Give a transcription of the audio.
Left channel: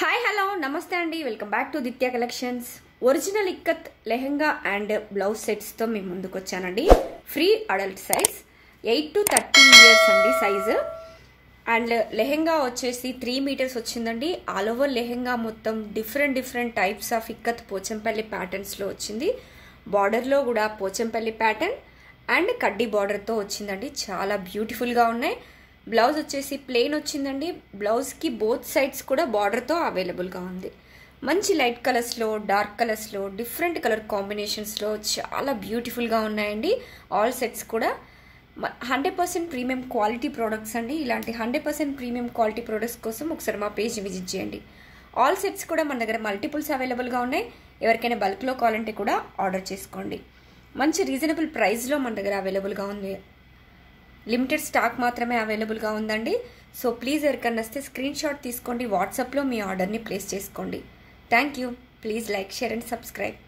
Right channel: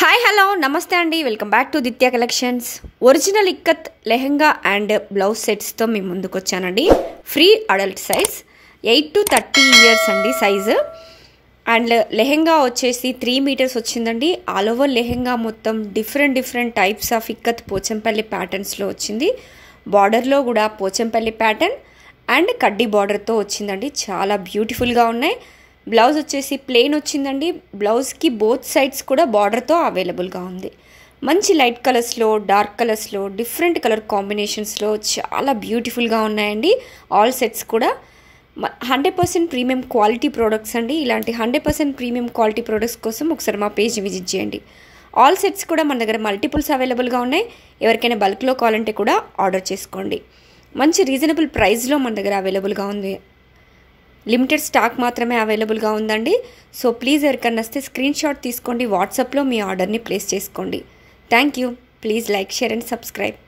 Hi hello నమస్తే అండి, welcome back to Ditya collections. Original ikat lehenga and blouse సెట్స్తో మీ ముందుకు వచ్చానండి. Free adult size 8 to 30 years అండి సైజు. అండ్ లెహెంగా వచ్చేసి 3 మీటర్స్ వచ్చిందండి. ఆల్ ఓవర్ లెహెంగా మొత్తం different types of ikat Pochampalli ప్యాటర్న్స్లో వచ్చింది. బార్డర్లో కూడా పోచంపల్లి ప్యాటర్న్ అండ్ కడ్డీ బార్డర్తో వచ్చిందండి. చాలా బ్యూటిఫుల్గా ఉన్నాయి. బ్లౌజ్ వచ్చేసి ప్లెయిన్ వచ్చిందండి. బ్లౌజ్కి బోత్ సైడ్స్ కూడా బార్డర్తో అవైలబుల్గా ఉంది. మంచి లైట్ కలర్స్లో, డార్క్ కలర్స్లో, డిఫరెంట్ కలర్ కాంబినేషన్స్లో చాలా బ్యూటిఫుల్గా ఉన్నాయండి. ఆల్ సెట్స్ కూడా 100% ప్రీమియం క్వాలిటీ ప్రోడక్ట్స్ అండి. ఇలాంటి 100% ప్రీమియం క్వాలిటీ ప్రోడక్ట్స్ కోసం ఒకసారి మా పేజ్ విజిట్ చేయండి. ఆల్ సెట్స్ కూడా మన దగ్గర మల్టిపుల్స్ అవైలబుల్గా ఉన్నాయి. ఎవరికైనా బల్క్లో కావాలంటే కూడా ఆర్డర్ చేసుకోండి. మంచి రీజనబుల్ ప్రైస్లో మన దగ్గర అవైలబుల్గా ఉంది. లిమిటెడ్ స్టాక్ మాత్రమే అవైలబుల్గా ఉందండి. సో ప్లీజ్ ఎవరికన్నా వస్తే స్క్రీన్ షాట్ తీసుకోండి. వాట్సాప్లో మీ ఆర్డర్ని ప్లేస్ చేసుకోండి. Thank you. Please like, share and subscribe.